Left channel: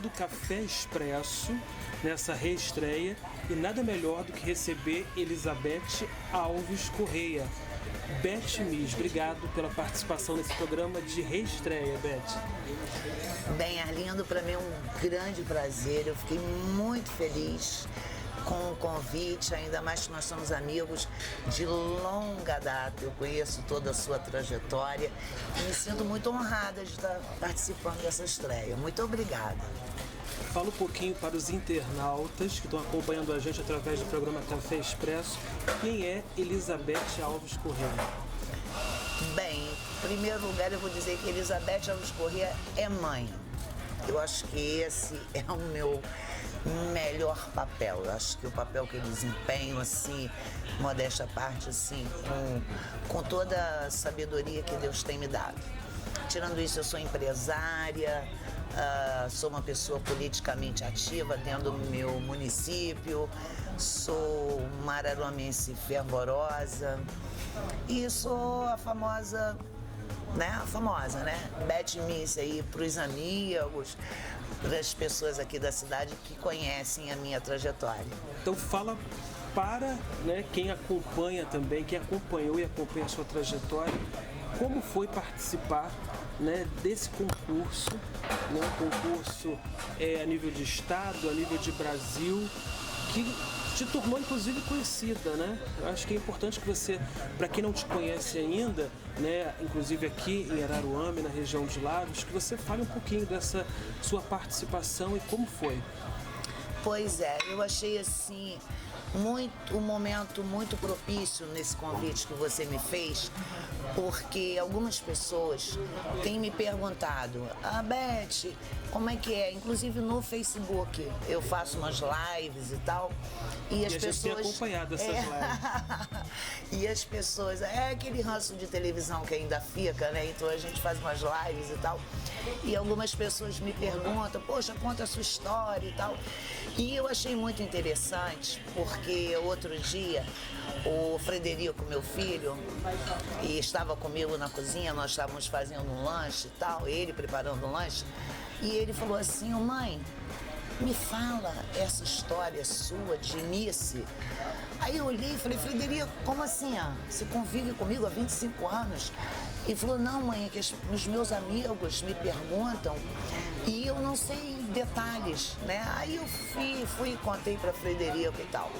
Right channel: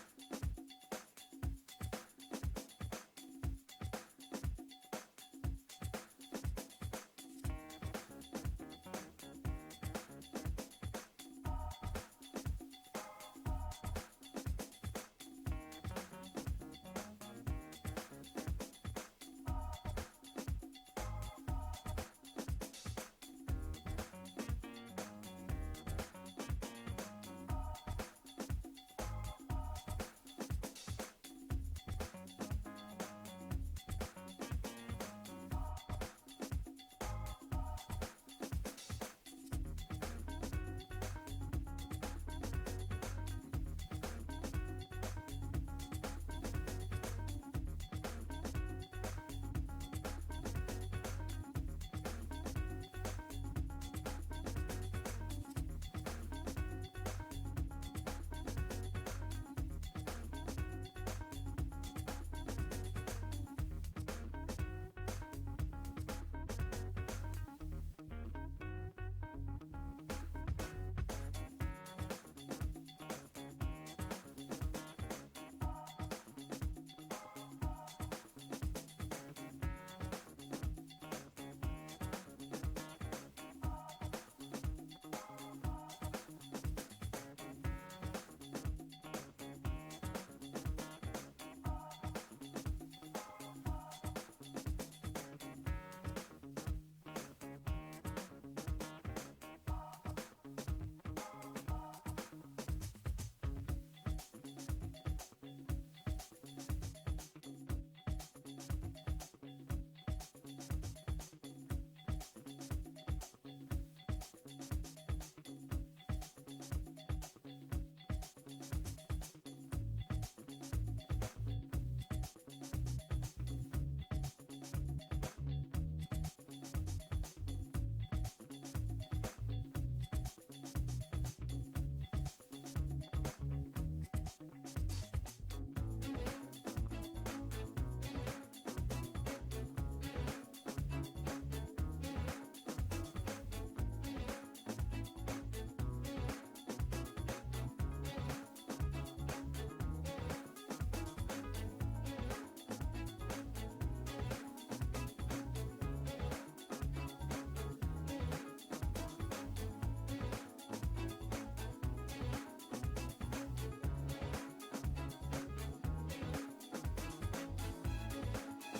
do Café Expresso nessa reestreia e nada melhor do que receber Elizabeth Alves Correia. Beth Miss, obrigado pela participação nesse programa de reestreia, Beth. Bem, Arlindo, para mim é um grande prazer, eu fiquei muito feliz com o convite, ainda mais que nós somos amigos de longa data, eu conheço toda a sua trajetória e me sinto muito honrada de estar participando dessa estreia. Muito obrigada. Fala um pouquinho para os internautas que estão acompanhando a gente através do programa Café Expresso, quem é Elizabeth Alves Correia? Bem, em primeiro lugar eu vou dizer que Elizabeth Alves Correia é mãe. Eu acho que esse é o meu melhor papel. Eu acho que o papel que eu desempenho, assim, modéstia à parte, assim, com toda a sabedoria que Deus tem me dado. Tirando isso, eu sou empresária, sou uma pessoa politicamente ativa dentro do meu município, sou uma araruamense fervorosa e sou a famosa, né? Beth Miss aí para os amigos, para as pessoas aqui da cidade que conhecem a minha trajetória. Então fala para, né, quem acompanha também, quem acompanhou e acompanha a sua trajetória, como foi participar, né, desse concurso, né, um concurso a nível de estado, a nível de Brasil, que te tornou inclusive conhecida, né? Eu acho que é importante que você, para quem não te conhece ainda, né, inclusive aqui em Araruama, na região de Lagos, que você fale um pouquinho dessa sua participação e como foi. Pois é, eu achei assim um momento muito propício nesse convite que você me fez, porque algumas pessoas têm me perguntado: Beth, como é que é? Inclusive no Facebook eu faço umas lives e tal, e as pessoas tem acompanhado essas lives. E as pessoas, é aquele ranço de televisão que ainda fica, né? Então a gente faz umas lives e tal. E algumas pessoas me perguntam: poxa, conta a sua história e tal. E eu achei muito interessante, porque outro dia o Frederico, meu filho, e estava comigo na cozinha, nós estávamos fazendo um lanche e tal, ele preparando um lanche, e ele falou assim: mãe, me fala essa história sua de início. Aí eu olhei e falei: Frederico, como assim? Você convive comigo há 25 anos? Ele falou: não, mãe, é que os meus amigos me perguntam e eu não sei detalhes, né? Aí eu fui e contei para Frederico e tal.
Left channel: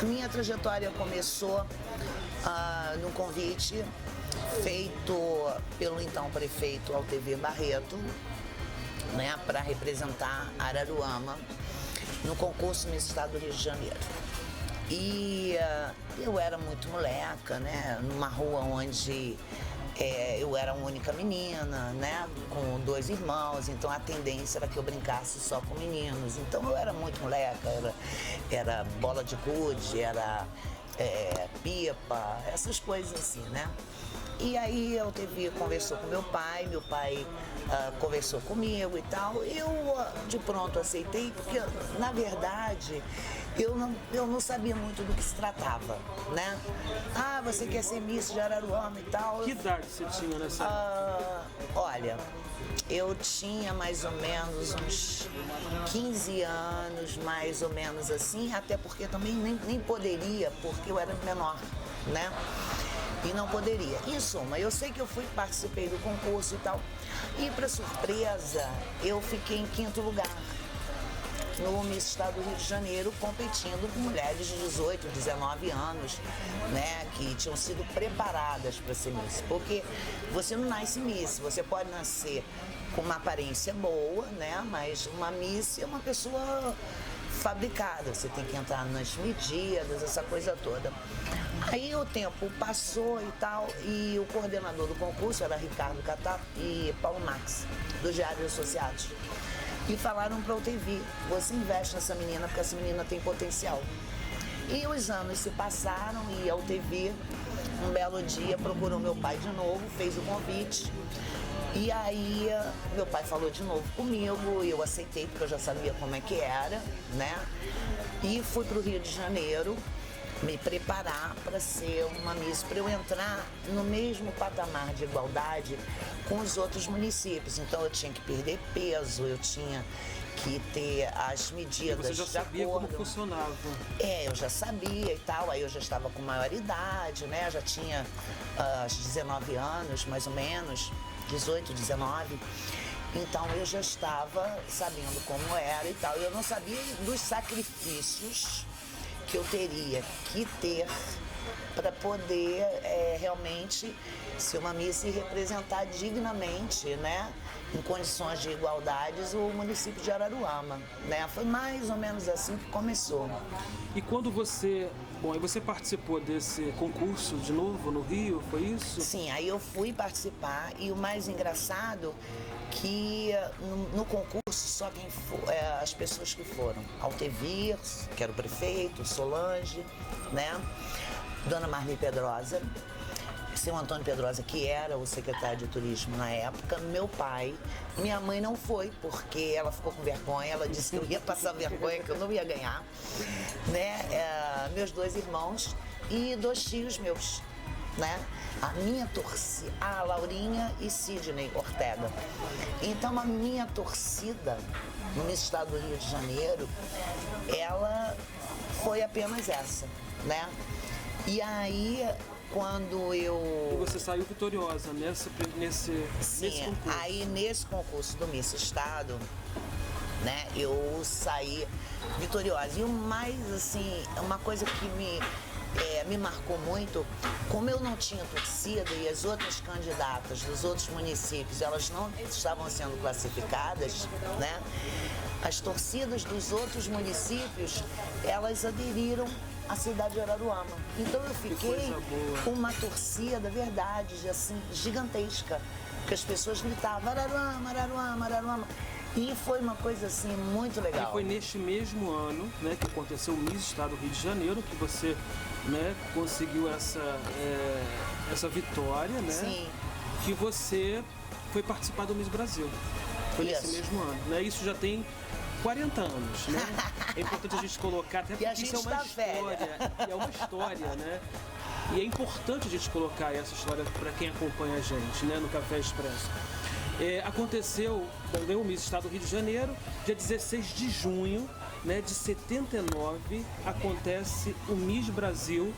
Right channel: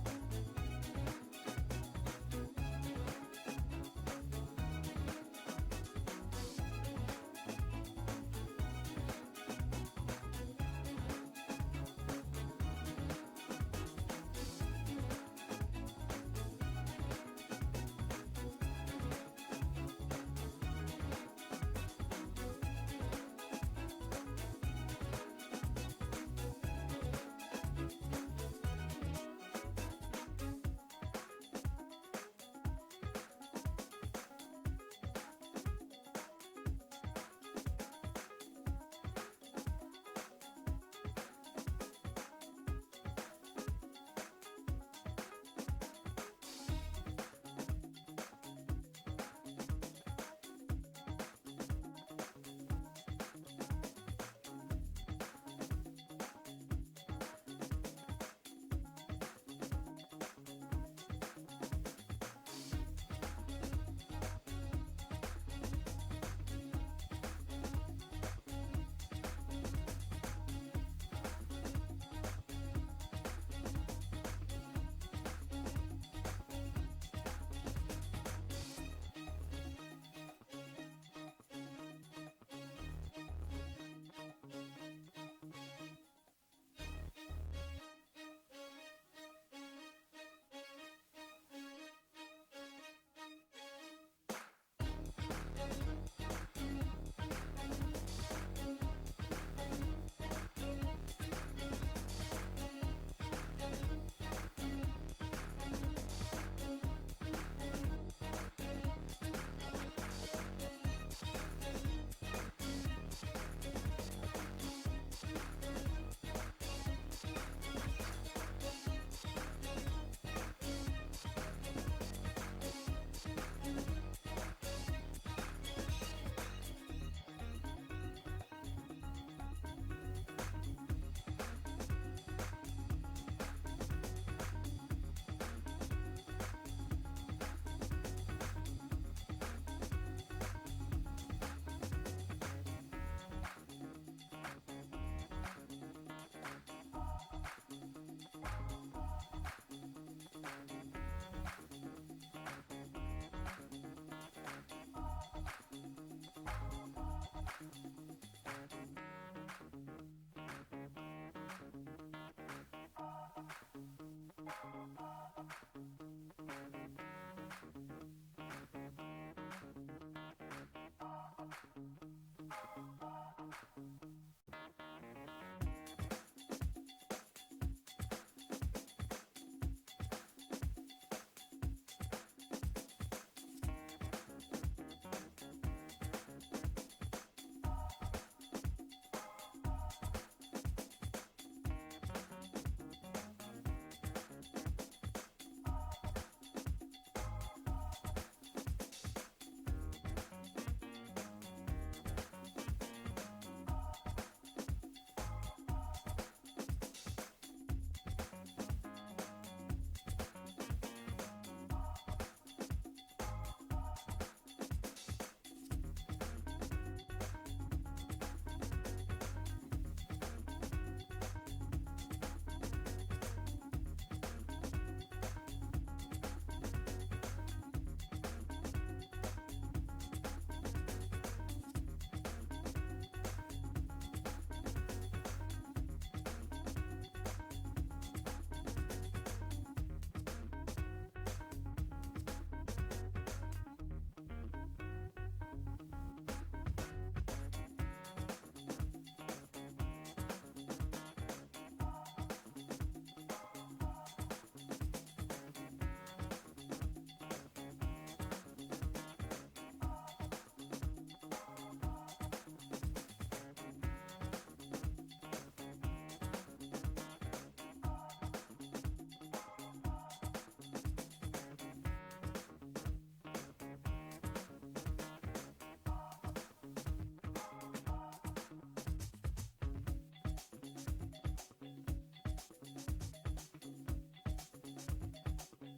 A minha trajetória começou no convite feito pelo então prefeito Altemir Barreto, né, para representar Araruama no concurso Miss Estado do Rio de Janeiro. E eu era muito moleca, né, numa rua onde eu era a única menina, né, com 2 irmãos, então a tendência era que eu brincasse só com meninos. Então eu era muito moleca, era bola de gude, era pipa, essas coisas assim, né. E aí eu conversou com meu pai conversou comigo e tal. Eu de pronto aceitei, porque na verdade eu não sabia muito do que se tratava, né? Você quer ser Miss de Araruama e tal. Que idade você tinha nessa época? Olha, eu tinha mais ou menos uns 15 anos, mais ou menos assim, até porque também nem poderia, porque eu era menor, né? E não poderia. Em suma, eu sei que eu participei do concurso e tal, e para surpresa, eu fiquei em 5º lugar no Miss Estado do Rio de Janeiro, competindo com mulheres de 18, 19 anos, né, que tinham sido preparadas para ser Miss. Porque você não nasce Miss, você pode nascer com uma aparência boa, né, mas uma Miss é uma pessoa fabricada, você tem que entrar nas medidas, essa coisa toda. Aí o tempo passou e tal, e o coordenador do concurso era Ricardo Catar e Paulo Max, do Diário Associados. E falaram para o UTV: você investe nessa menina porque essa menina tem potencial. E os anos se passaram e a UTV, um belo dia, procurou meu pai de novo, fez o convite. E aí meu pai falou de novo comigo, e eu aceitei porque eu já sabia como é que era, né? E fui para o Rio de Janeiro me preparar para ser uma Miss, para eu entrar no mesmo patamar de igualdade com os outros municípios. Então eu tinha que perder peso, eu tinha que ter as medidas Você já de sabia acordo. como funcionava. Eu já sabia e tal, aí eu já estava com maior idade, né? Já tinha 19 anos, mais ou menos, 18, 19. Então eu já estava sabendo como era e tal. Eu não sabia dos sacrifícios que eu teria que ter para poder realmente ser uma Miss e representar dignamente, né? Em condições de igualdades, o município de Araruama, né? Foi mais ou menos assim que começou. E quando você... Bom, aí você participou desse concurso de novo no Rio, foi isso? Sim, aí eu fui participar e o mais engraçado que no concurso só quem as pessoas que foram, Altevir, que era o prefeito, Solange, né? Dona Marli Pedrosa, seu Antônio Pedrosa, que era o secretário de turismo na época, meu pai. Minha mãe não foi, porque ela ficou com vergonha, ela disse que eu ia passar vergonha, que eu não ia ganhar, né? Meus 2 irmãos e 2 tios meus, né? A minha torcida, a Laurinha e Sidney Ortega. Então a minha torcida no estado do Rio de Janeiro, ela foi apenas essa, né? E aí, quando eu... E você saiu vitoriosa nesse concurso. Aí nesse concurso do Miss Estado, né, eu saí vitoriosa. E o mais, assim, uma coisa que me marcou muito, como eu não tinha torcida e as outras candidatas dos outros municípios, elas não estavam sendo classificadas, né? As torcidas dos outros municípios, elas aderiram à cidade de Araruama. Então eu fiquei com uma torcida, verdade, assim, gigantesca. Porque as pessoas gritavam Araruama, Araruama, Araruama. E foi uma coisa assim muito legal. E foi neste mesmo ano, né, que aconteceu o Miss Estado do Rio de Janeiro, que você, né, conseguiu essa vitória, né? Sim. Que você foi participar do Miss Brasil. Foi nesse mesmo ano, né? Isso já tem 40 anos, né? É importante a gente colocar, até porque isso é uma história. É uma história, né? E é importante a gente colocar essa história para quem acompanha a gente, né, no Café Expresso. Aconteceu também o Miss Estado do Rio de Janeiro, dia 16 de junho, né, de 79, acontece o Miss Brasil,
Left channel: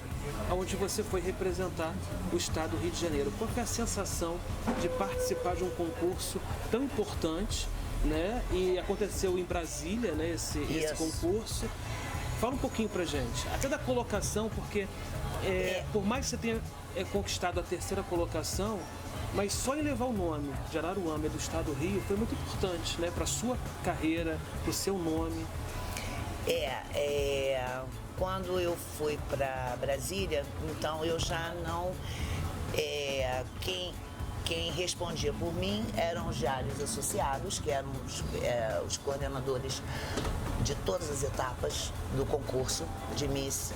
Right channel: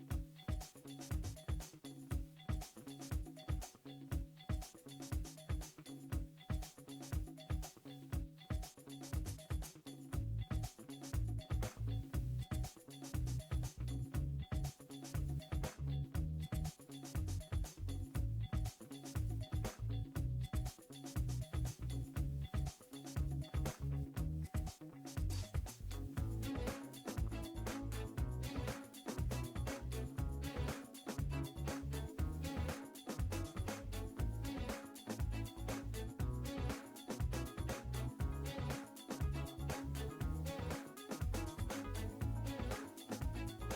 onde você foi representar o Estado do Rio de Janeiro. Qual foi a sensação de participar de um concurso tão importante, né? E aconteceu em Brasília, né, esse concurso. Fala um pouquinho pra gente, até da colocação, porque por mais que você tenha conquistado a 3ª colocação, mas só em levar o nome de Araruama e do Estado do Rio foi muito importante, né, pra sua carreira, pro seu nome. Quando eu fui para Brasília, então eu já não... Quem respondia por mim eram os diários associados, que eram os coordenadores de todas as etapas do concurso de Miss.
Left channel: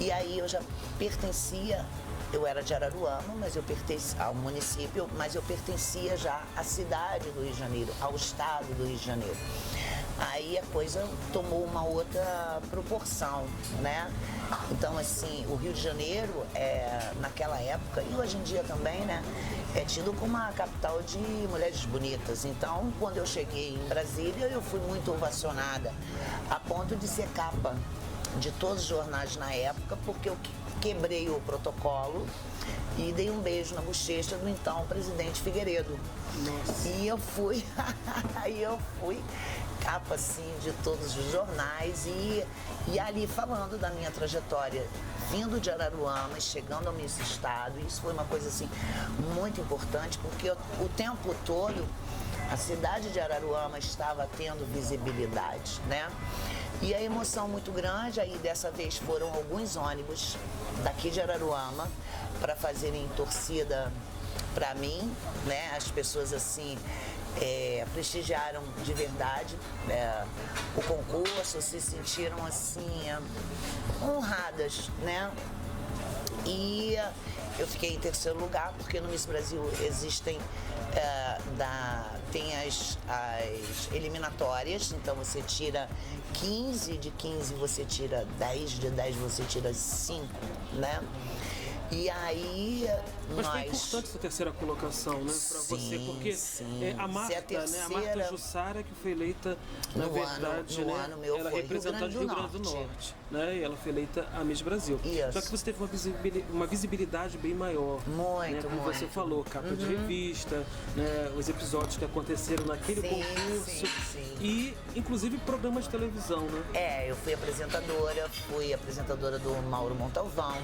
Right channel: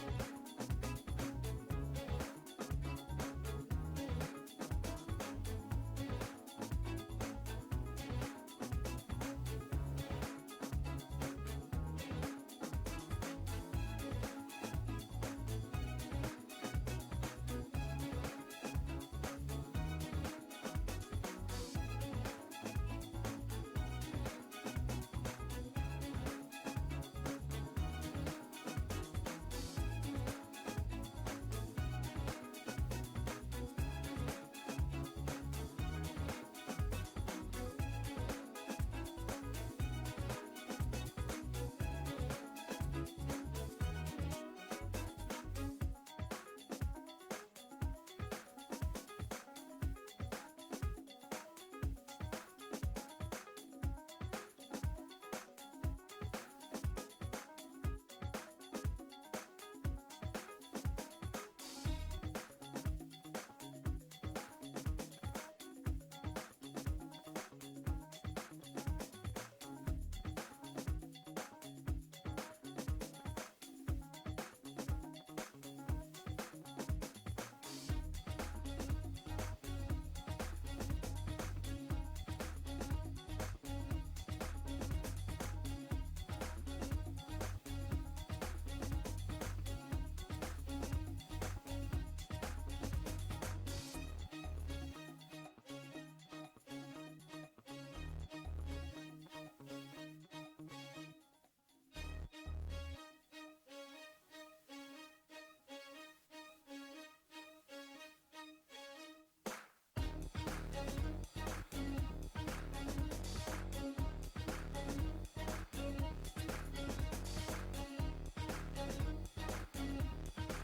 E aí eu já pertencia, eu era de Araruama, mas eu pertencia ao município, mas eu pertencia já à cidade do Rio de Janeiro, ao estado do Rio de Janeiro. Aí a coisa tomou uma outra proporção, né? Então, assim, o Rio de Janeiro, naquela época, e hoje em dia também, né? É tido como uma capital de mulheres bonitas. Então, quando eu cheguei em Brasília, eu fui muito ovacionada, a ponto de ser capa de todos os jornais na época, porque eu quebrei o protocolo e dei um beijo na bochecha do então presidente Figueiredo. Nossa. E eu fui capa assim de todos os jornais e ali falando da minha trajetória, vindo de Araruama, chegando ao Miss Estado. Isso foi uma coisa assim muito importante, porque o tempo todo a cidade de Araruama estava tendo visibilidade, né? E a emoção muito grande, aí dessa vez foram alguns ônibus daqui de Araruama para fazerem torcida para mim, né? As pessoas assim prestigiaram de verdade o concurso, se sentiram assim honradas, né? E eu fiquei em 3º lugar, porque no Miss Brasil existem tem as eliminatórias, então você tira 15, de 15 você tira 10, de 10 você tira 5, né? E aí Mas foi nós... importante essa terceira colocação, né, para você, porque a Marta, né, a Marta Jussara, que foi eleita, na verdade, ela é representante do Rio Grande do Norte, né, e ela foi eleita a Miss Brasil. Isso. Só que você teve uma visibilidade bem maior. Muito, né, como muito. você falou, capa de revista, né, os episódios que aconteceram naquele concurso. E, inclusive, programas de televisão, né? Eu fui apresentadora do Mauro Montalvão.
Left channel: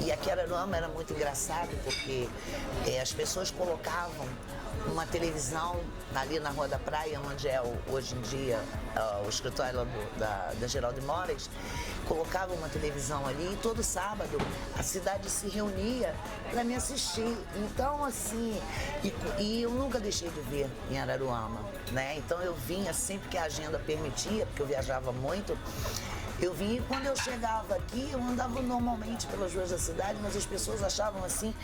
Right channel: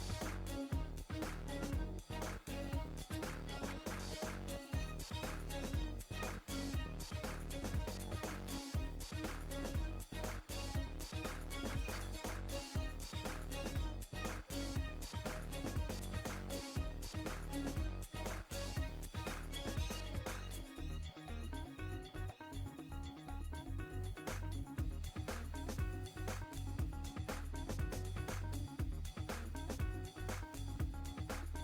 E aqui em Araruama era muito engraçado, porque as pessoas colocavam uma televisão ali na Rua da Praia, onde é hoje em dia o escritório lá da Geraldo Moraes, colocavam uma televisão ali e todo sábado a cidade se reunia para me assistir. Então, assim, e eu nunca deixei de ver em Araruama, né? Então eu vinha sempre que a agenda permitia, porque eu viajava muito. Eu vim e quando eu chegava aqui, eu andava normalmente pelas ruas da cidade, mas as pessoas achavam assim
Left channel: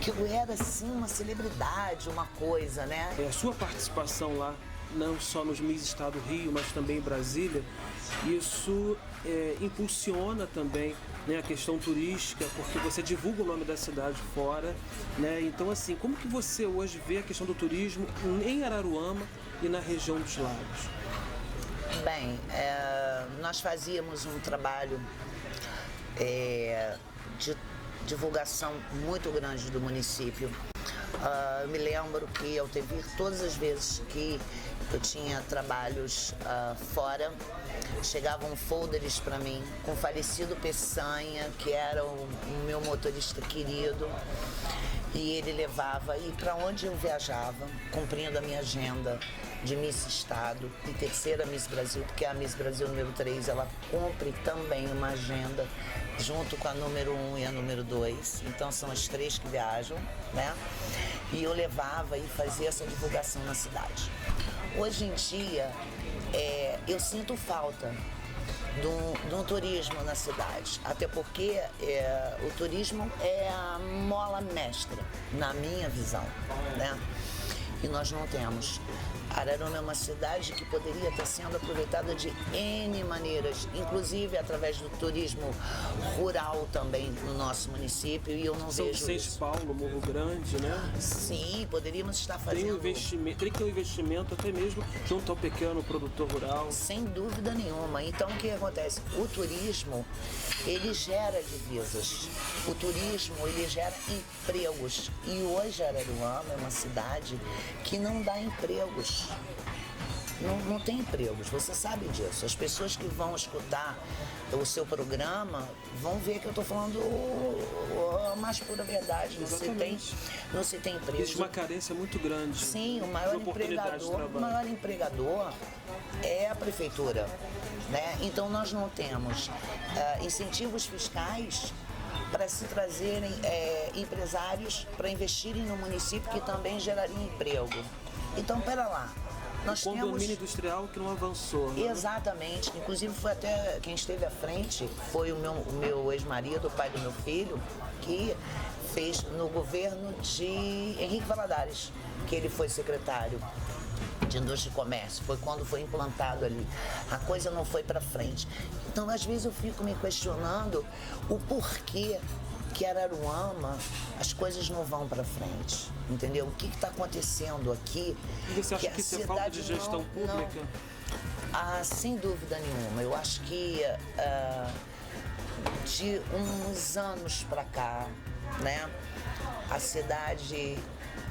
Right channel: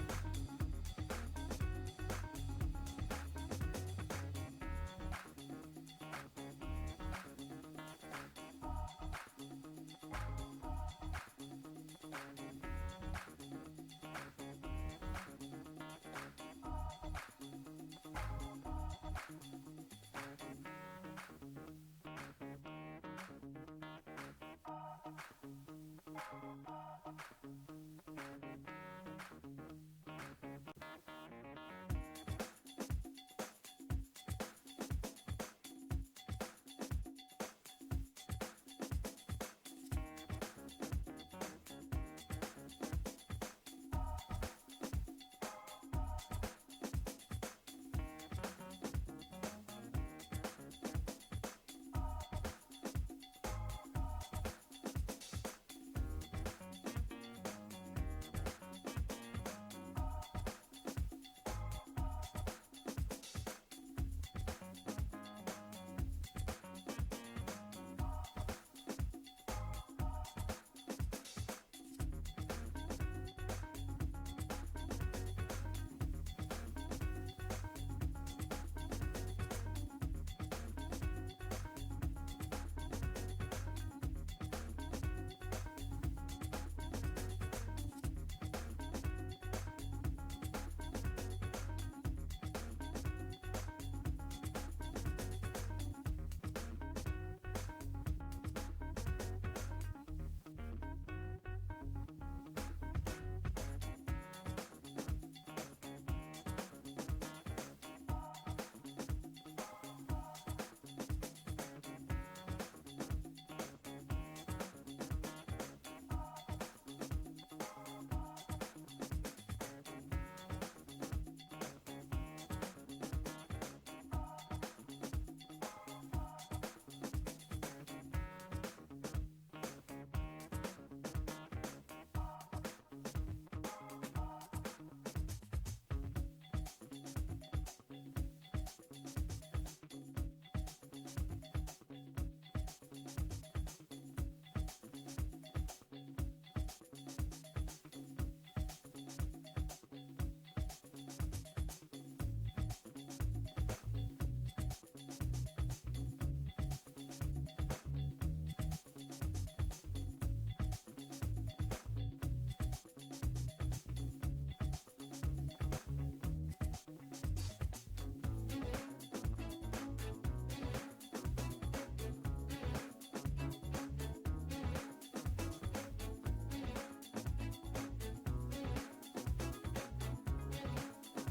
que eu era assim uma celebridade, uma coisa, né? A sua participação lá, não só nos Miss Estado Rio, mas também em Brasília, isso impulsiona também, né, a questão turística, porque você divulga o nome da cidade fora, né? Então, assim, como que você hoje vê a questão do turismo em Araruama e na região dos lagos? Bem, nós fazíamos um trabalho de divulgação muito grande do município. Eu me lembro que ao TV, todas as vezes que eu tinha trabalhos fora, chegavam folders para mim com o falecido Peçanha, que era o meu motorista querido, e ele levava, e para onde eu viajava, cumprindo a minha agenda de Miss Estado e terceira Miss Brasil, porque a Miss Brasil número 3, ela cumpre também uma agenda junto com a número 1 e a número 2, então são as 3 que viajam, né? E eu levava e fazia essa divulgação na cidade. Hoje em dia, eu sinto falta do turismo na cidade, até porque o turismo é a mola mestra, na minha visão, né? E nós não temos. Araruama é uma cidade que poderia estar sendo aproveitada de N maneiras, inclusive através do turismo rural também no nosso município, e eu não vejo isso. Paulo, Morro Grande, né? Sim, poderíamos estar fazendo... Tem que ter um investimento até mesmo junto ao pequeno produtor rural. Sem dúvida nenhuma. Então, o que acontece? O turismo, ele gera divisas. O turismo, ele gera empregos. E hoje Araruama é uma cidade que não dá empregos. Não tem empregos, você sabe disso. As pessoas que vão escutar o seu programa vão ver que eu estou falando a mais pura verdade. Não se tem emprego. Existe uma carência muito grande. Sim, o maior empregador é a prefeitura, né? Então nós não temos incentivos fiscais para se trazerem empresários para investirem no município, que também geraria emprego. Então, pera lá. Nós o condomínio industrial que não avançou. Né? Exatamente. Inclusive, foi até quem esteve à frente, foi o meu ex-marido, o pai do meu filho, que fez no governo de Henrique Valadares, que ele foi secretário de Indústria e Comércio. Foi quando foi implantado ali. A coisa não foi para frente. Então, às vezes, eu fico me questionando o porquê que Araruama, as coisas não vão para frente, entendeu? O que está acontecendo aqui? E você acha que isso é falta de gestão pública? Sem dúvida nenhuma. Eu acho que de uns anos para cá, né, a cidade,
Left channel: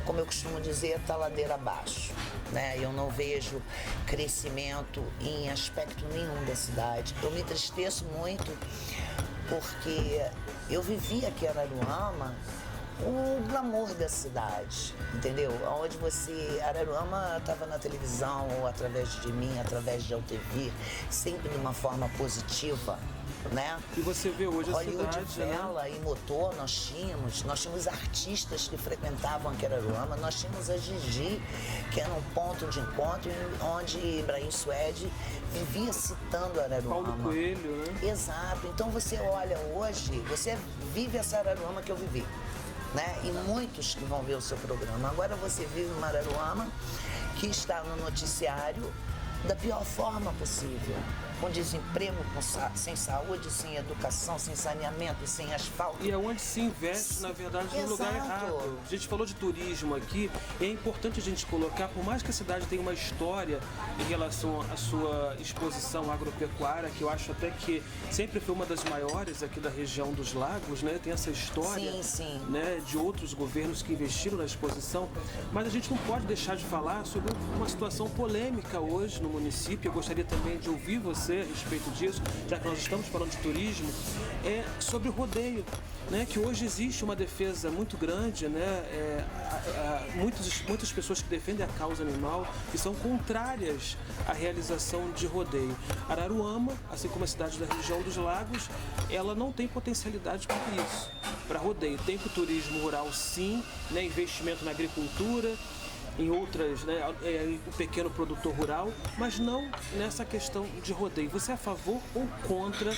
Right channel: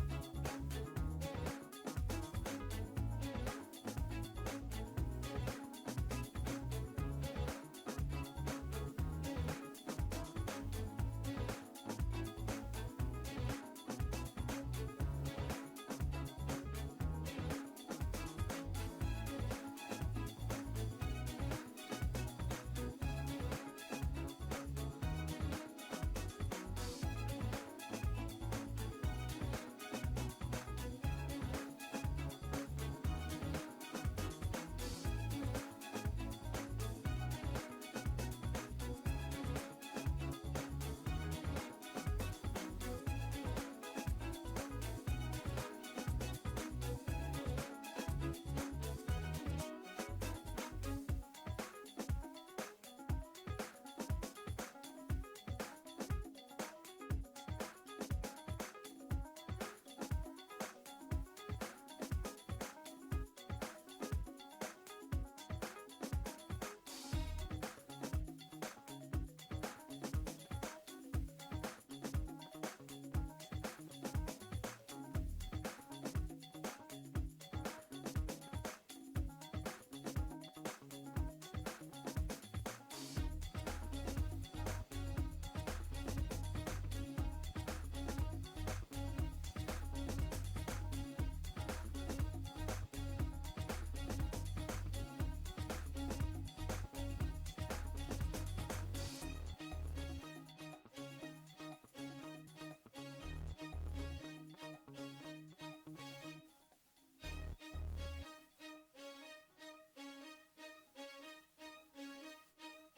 como eu costumo dizer, está ladeira abaixo, né? Eu não vejo crescimento em aspecto nenhum da cidade. Eu me entristeço muito porque eu vivi aqui em Araruama o glamour da cidade, entendeu? Onde Araruama estava na televisão, ou através de mim, através de AuTV, sempre de uma forma positiva, né? E você vê hoje a Hollywood cidade, Vela, né? e Motor, nós tínhamos artistas que frequentavam aqui Araruama, nós tínhamos a Gigi, que era um ponto de encontro onde Ibrahim Suede vivia citando Araruama. Paulo Coelho, né? Exato. Então você olha hoje, você vive essa Araruama que eu vivi, né? E muitos que vão ver o seu programa. Agora você vive uma Araruama que está no noticiário da pior forma possível, com desemprego, sem saúde, sem educação, sem saneamento, sem asfalto. E é onde se investe, na verdade, no lugar errado. A gente falou de turismo aqui, é importante a gente colocar, por mais que a cidade tenha uma história em relação à sua exposição agropecuária, que eu acho até que sempre foi uma das maiores aqui da região dos lagos, né? Tem essa história, sim. Né, de outros governos que investiram na exposição, mas a gente não pode deixar de falar sobre uma situação polêmica hoje no município. Eu gostaria também de ouvir você a respeito disso, já que nós estamos falando de turismo, sobre o rodeio, né, que hoje existe uma defesa muito grande, né, muitas pessoas que defendem a causa animal e são contrárias à realização de rodeio. Araruama, assim como a cidade da região dos lagos, ela não tem potencialidade para isso, para rodeio. Tem para o turismo rural sim, né, investimento na agricultura, em outras, né, o pequeno produtor rural, mas não nessa questão de rodeio. Você é a favor ou contra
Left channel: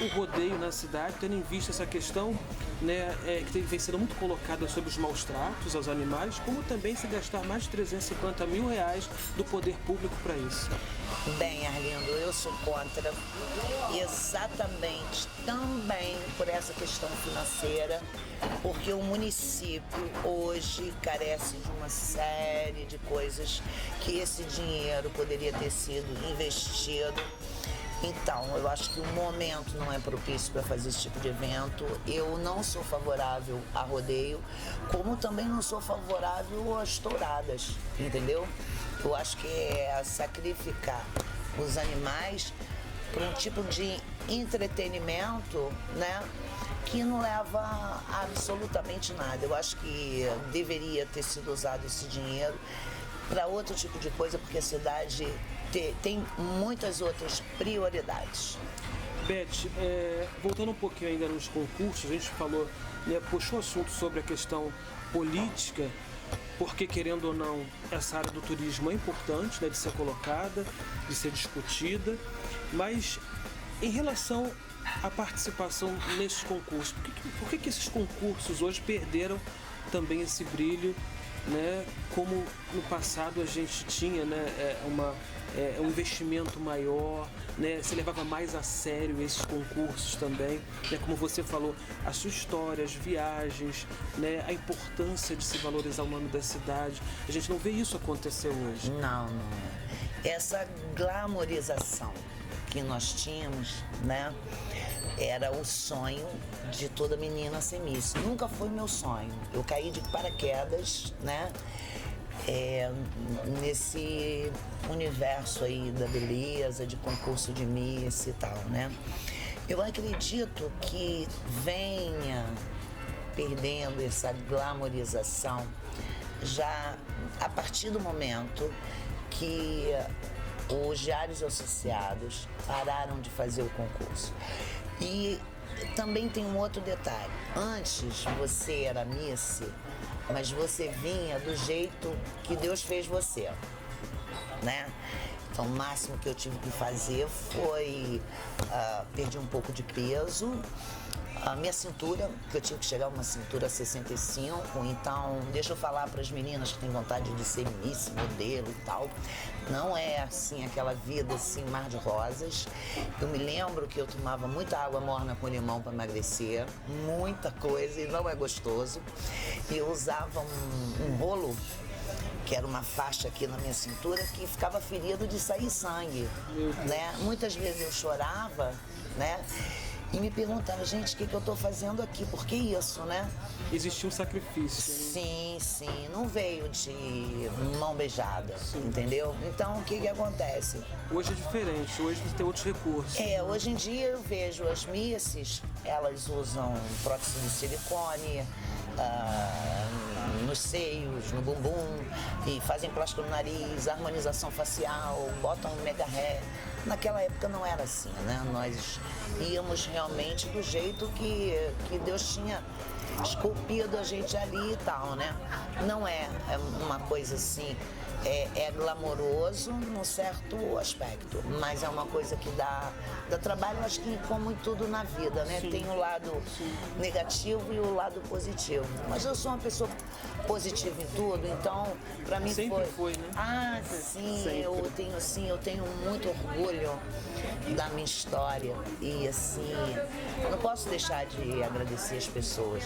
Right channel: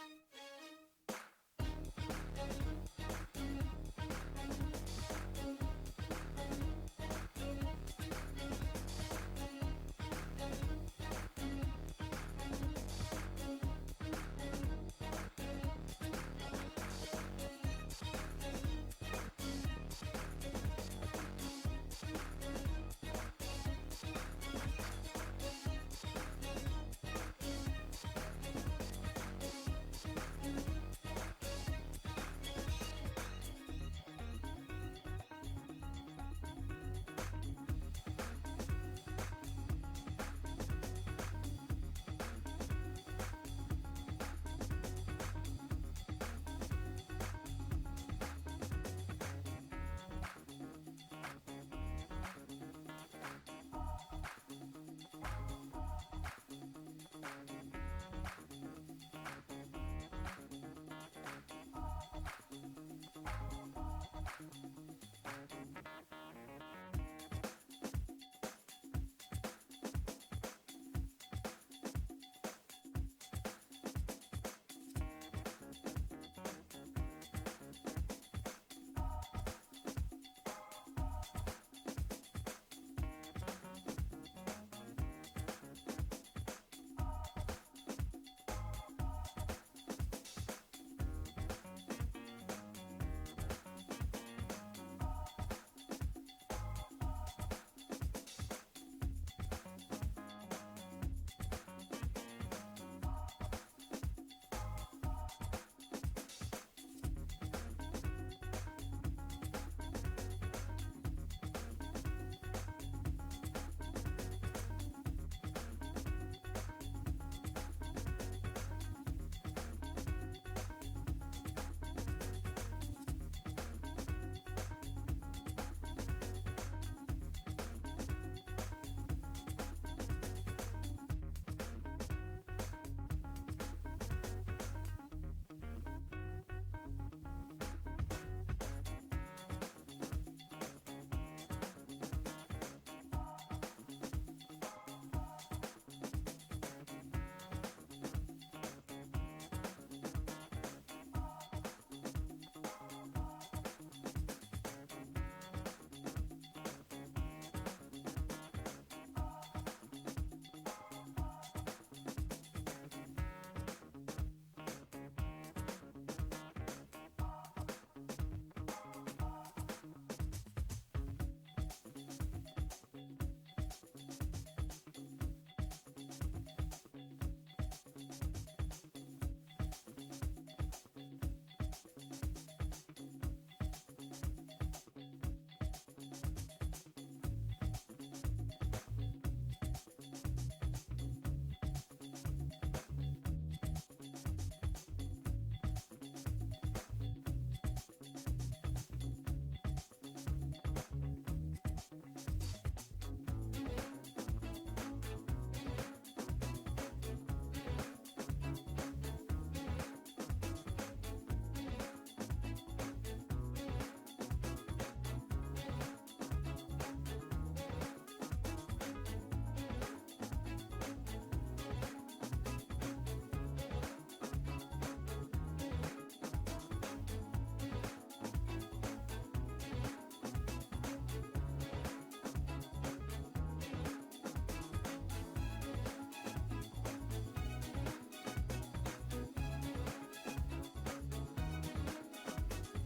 o rodeio na cidade, tendo em vista essa questão, né, que vem sendo muito colocada sobre os maus tratos aos animais, como também se gastar mais de 350 mil reais do poder público para isso? Bem, Arlindo, eu sou contra exatamente também por essa questão financeira, porque o município hoje carece de uma série de coisas que esse dinheiro poderia ter sido investido. Então, eu acho que o momento não é propício para fazer esse tipo de evento. Eu não sou favorável a rodeio, como também não sou favorável às touradas, entendeu? Eu acho que é sacrificar os animais por um tipo de entretenimento, né, que não leva a absolutamente nada. Eu acho que deveria ter sido usado esse dinheiro para outro tipo de coisa, porque a cidade tem muitas outras prioridades. Beth, voltando um pouquinho ainda nos concursos, a gente falou, né, puxou o assunto sobre a questão política, porque, querendo ou não, essa área do turismo é importante, né, de ser colocada, de ser discutida, mas em relação à participação nesses concursos, por que esses concursos hoje perderam também esse brilho, né, como no passado a gente tinha, né, um investimento maior, né, se levava mais a sério esses concursos também, né, como você falou, a sua história, as viagens, né, a importância de se valorizar o nome da cidade. A gente não vê isso acontecer hoje. Não. Essa glamorização que nós tínhamos, né, era o sonho de toda menina ser Miss. Nunca foi meu sonho. Eu caí de paraquedas, né, nesse universo aí da beleza, de concurso de Miss e tal, né. Eu acredito que venha perdendo essa glamorização já a partir do momento que os diários associados pararam de fazer o concurso. E também tem um outro detalhe. Antes você era Miss, mas você vinha do jeito que Deus fez você, né? Então o máximo que eu tive que fazer foi perder um pouco de peso. A minha cintura, que eu tive que chegar a uma cintura 65, então deixa eu falar para as meninas que têm vontade de ser Miss, modelo e tal, não é assim aquela vida assim, mar de rosas. Eu me lembro que eu tomava muita água morna com limão para emagrecer, muita coisa, e não é gostoso. E eu usava um rolo, que era uma faixa aqui na minha cintura, que ficava ferido de sair sangue, né? Muitas vezes eu chorava, né? E me perguntava, gente, o que eu tô fazendo aqui? Por que isso, né? Existia um sacrifício. Sim, não veio de mão beijada, entendeu? Então, o que acontece? Hoje é diferente, hoje tem outros recursos. Hoje em dia eu vejo as misses, elas usam prótese de silicone, nos seios, no bumbum, e fazem plástico no nariz, harmonização facial, botam um mega hair. Naquela época não era assim, né? Nós íamos realmente do jeito que Deus tinha esculpido a gente ali e tal, né? Não é uma coisa assim é glamouroso num certo aspecto, mas é uma coisa que dá trabalho, acho que como em tudo na vida, né? Tem o lado negativo e o lado positivo. Mas eu sou uma pessoa positiva em tudo, então pra mim sempre foi, né? Ah, sim, eu tenho muito orgulho da minha história e assim, eu não posso deixar de agradecer as pessoas,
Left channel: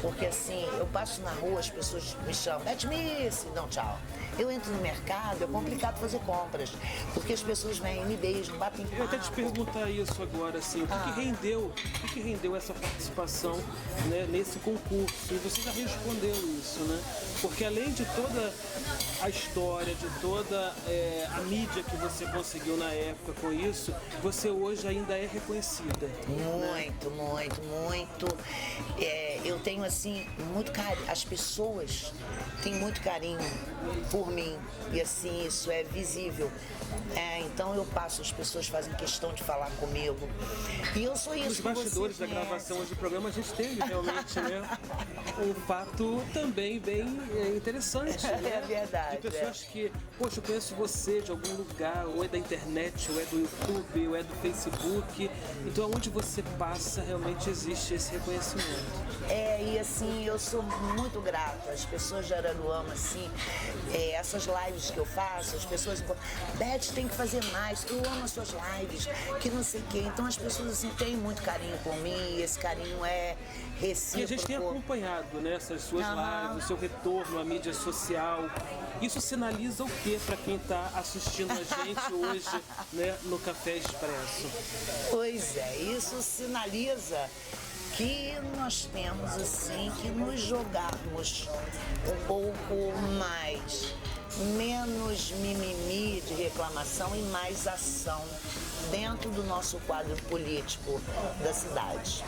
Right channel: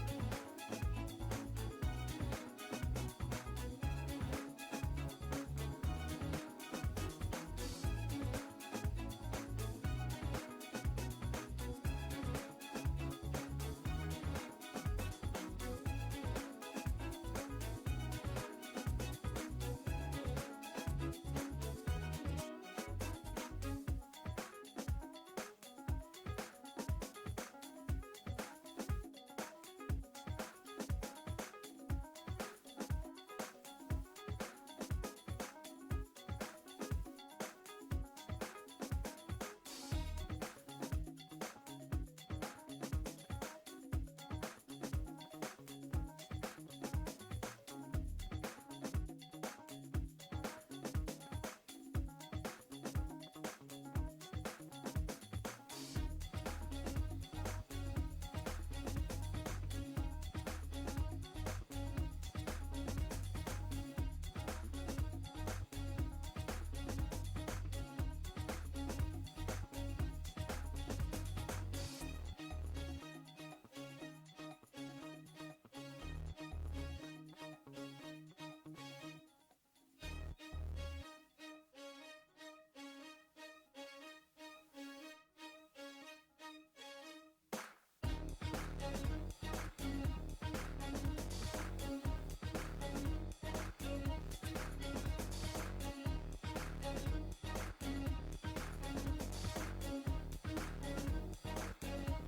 porque assim, eu passo na rua, as pessoas me chamam, Beth Miss, dão tchau. Eu entro no mercado, é complicado fazer compras, porque as pessoas vêm, me beijam, batem papo. Eu até te perguntar isso agora, assim, o que rendeu essa participação, né, nesse concurso? E você já respondeu isso, né? Porque além de toda a história, de toda a mídia que você conseguiu na época com isso, você hoje ainda é reconhecida. Muito. Eu tenho assim, muito carinho, as pessoas têm muito carinho por mim e assim, isso é visível. Então eu passo, as pessoas fazem questão de falar comigo. E eu sou isso. Nos bastidores da gravação do programa a gente teve realmente, né, um fato também bem interessante. Né? É verdade. De pessoas que, poxa, eu conheço você de algum lugar, ou é da internet, ou é do YouTube, ou é do Facebook. Então onde você passa realmente existe esse reconhecimento. E assim, eu sou muito grata. As pessoas de Araruama, assim, essas lives que eu faço, as pessoas falam, Beth, tem que fazer mais, eu amo as suas lives, que não sei o quê. Então as pessoas assim têm muito carinho por mim e esse carinho é recíproco. E a gente tem acompanhado, né, essas suas lives, o seu retorno à mídia social. Isso sinaliza o que para quem está assistindo a gente hoje, né, no Café Expresso? Pois é, isso sinaliza que nós temos assim que nos jogarmos um pouco mais, menos mimimi de reclamação e mais ação dentro do nosso quadro político da cidade.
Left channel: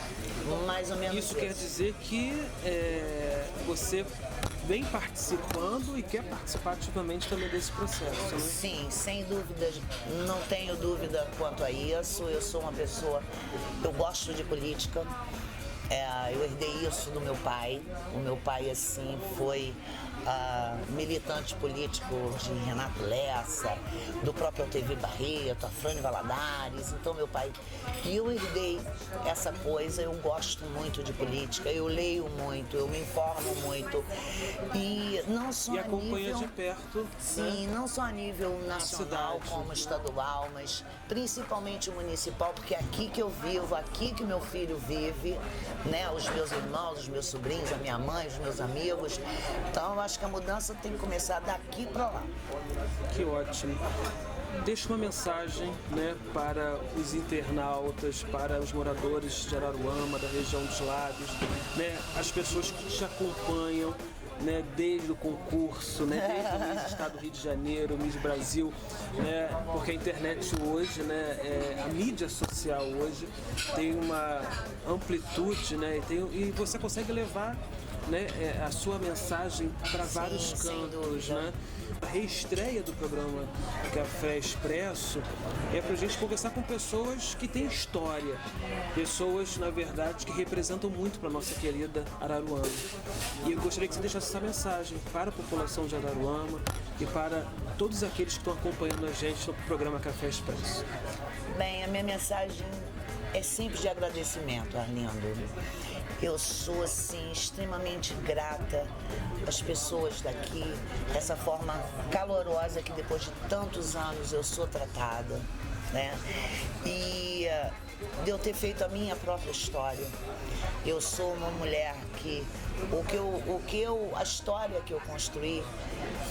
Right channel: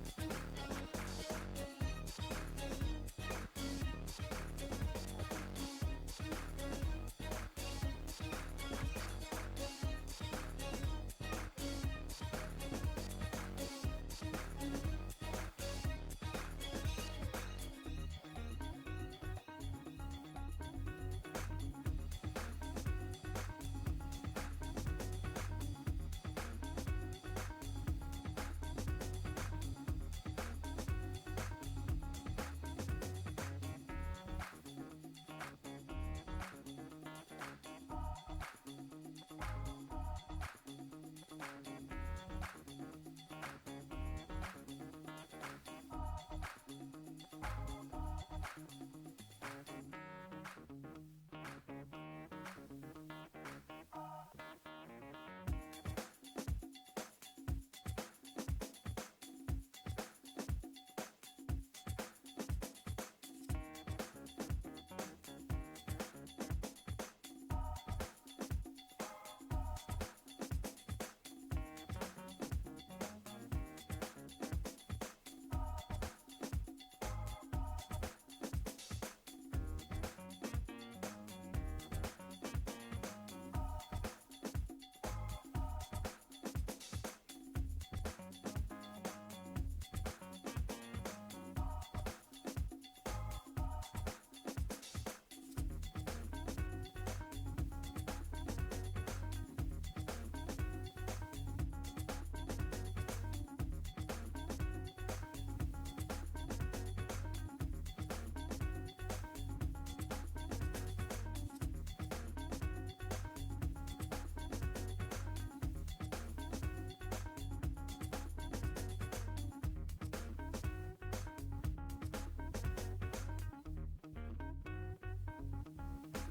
Mais ou menos isso. Quer dizer que você vem participando e quer participar ativamente também desse processo, né? Sim, sem dúvida, não tenho dúvida quanto a isso. Eu sou uma pessoa, eu gosto de política. Eu herdei isso do meu pai. O meu pai, assim, foi militante político de Renato Lessa, do próprio TV Barreto, a Frane Valadares. Então, meu pai... E eu herdei essa coisa, eu gosto muito de política, eu leio muito, eu me informo muito. E não só e acompanha de perto. Sim, não só a nível nacional como estadual, mas principalmente municipal, porque é aqui que eu vivo, aqui que meu filho vive, né? Os meus irmãos, os meus sobrinhos, a minha mãe, os meus amigos. Então eu acho que a mudança tem que começar daqui para lá. Que ótimo. Deixa uma mensagem, né, para os internautas, para os moradores de Araruama, da região dos Lagos, né, as pessoas que te acompanham, né, desde o concurso, né, desde o Miss Estado do Rio de Janeiro, Miss Brasil, né, porque a internet hoje, né, a mídia social hoje tem uma amplitude, né, e você consegue levar, né, a sua mensagem para vários cantos, né? A reestreia do programa Café Expresso é para a gente conversar com pessoas que têm história, pessoas, na verdade, que representam muito para a nossa querida Araruama. E eu gostaria que você deixasse essa mensagem para a população de Araruama e para todos aqueles que estão acompanhando a gente no programa Café Expresso. Bem, a minha mensagem é simples de agradecimento, Arlindo. Eu sou, assim, extremamente grata às pessoas daqui, dessa forma calorosa que depois de tantos anos eu sou tratada, né? E de eu ter feito a minha própria história. Eu sou uma mulher que a história que eu construí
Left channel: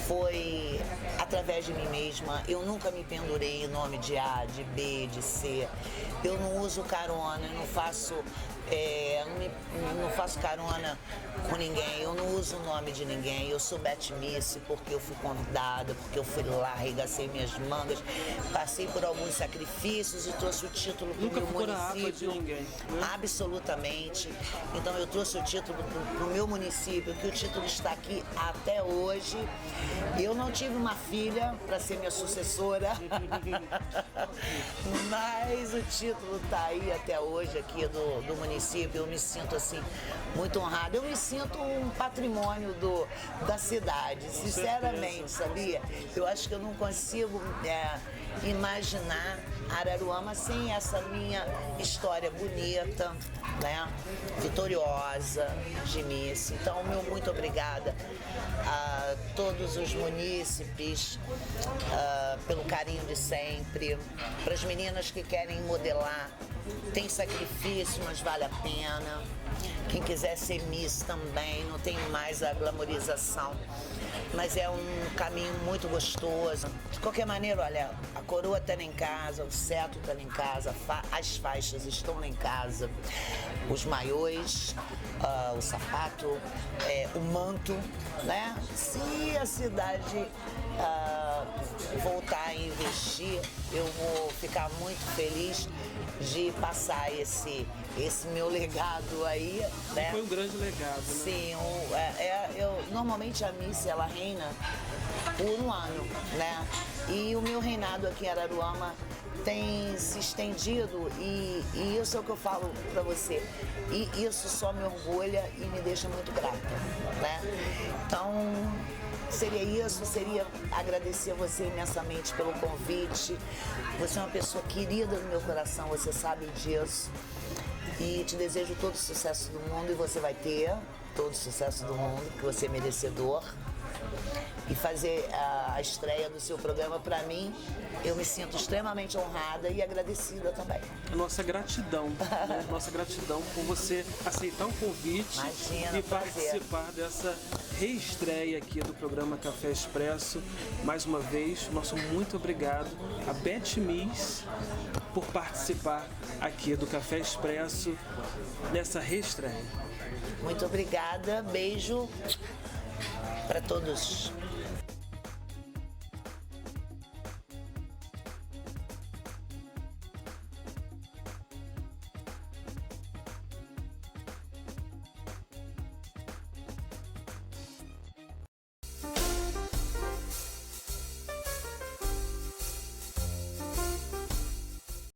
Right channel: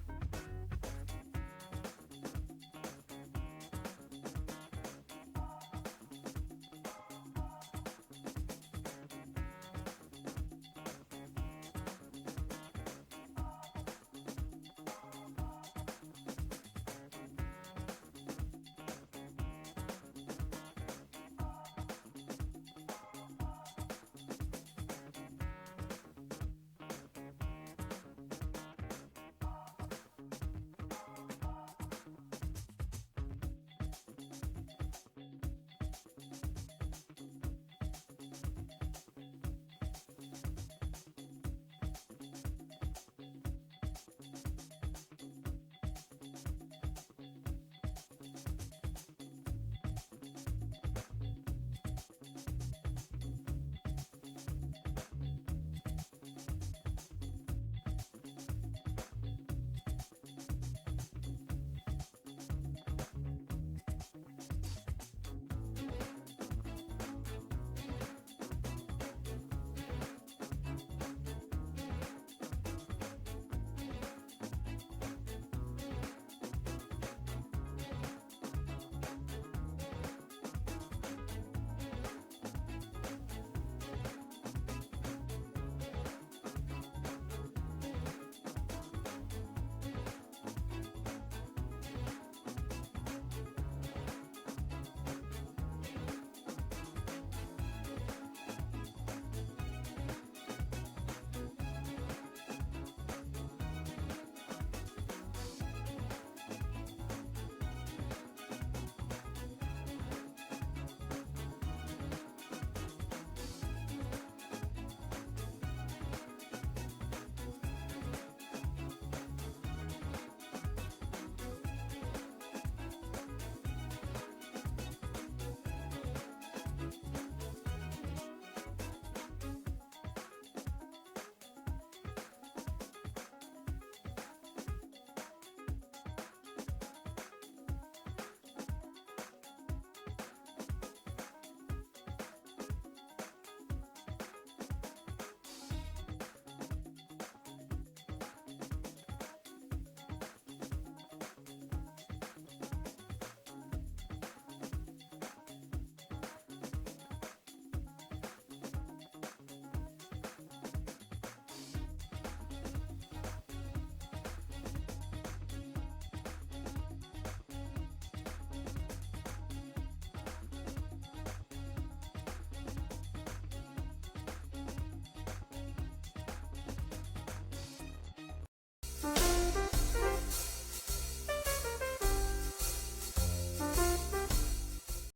foi através de mim mesma. Eu nunca me pendurei em nome de A, de B, de C. Eu não uso carona, eu não faço carona com ninguém, eu não uso o nome de ninguém. Eu sou Beth Miss porque eu fui convidada, porque eu fui lá, arregacei minhas mangas, passei por alguns sacrifícios e trouxe o título para o meu município. De ninguém, né? Absolutamente. Então eu trouxe o título para o meu município, que o título está aqui até hoje. Eu não tive uma filha para ser minha sucessora, mas o título está aí até hoje aqui do município. Eu me sinto assim muito honrada. Eu me sinto sinto um patrimônio da cidade, sinceramente, sabia? Eu acho que eu não consigo imaginar Araruama sem essa minha história bonita, né? Vitoriosa de Miss. Então, meu muito obrigada a todos os munícipes pelo carinho de sempre, para as meninas que querem modelar. Tem sacrifício, mas vale a pena. Quem quiser ser Miss também, não tem mais a glamorização, mas é um caminho muito gostoso. De qualquer maneira, olha, a coroa está lá em casa, o cetro está lá em casa, as faixas estão lá em casa, os maiôs, o sapato, o manto, né? Se a cidade voltar a investir, eu vou ficar muito feliz de passar esse meu legado aí, né? Foi um grande legado. Sim, normalmente a Miss, ela reina por um ano, né? E o meu reinado aqui em Araruama tem se estendido e isso é o que eu falo pra você. E isso só me orgulha e me deixa muito grata, né? Então, seria agradecer a você imensamente pelo convite. Você é uma pessoa querida no meu coração, você sabe disso. E te desejo todo o sucesso do mundo e você vai ter todo o sucesso do mundo, que você é merecedor. E fazer a estreia do seu programa, para mim, eu me sinto extremamente honrada e agradecida também. Nossa gratidão, né? Nossa gratidão por você aceitar o convite. Imagina, e participar dessa reestreia aqui do programa Café Expresso. Mais uma vez, nosso muito obrigado a Beth Miss por participar aqui do Café Expresso nessa reestreia. Muito obrigada, beijo para todos.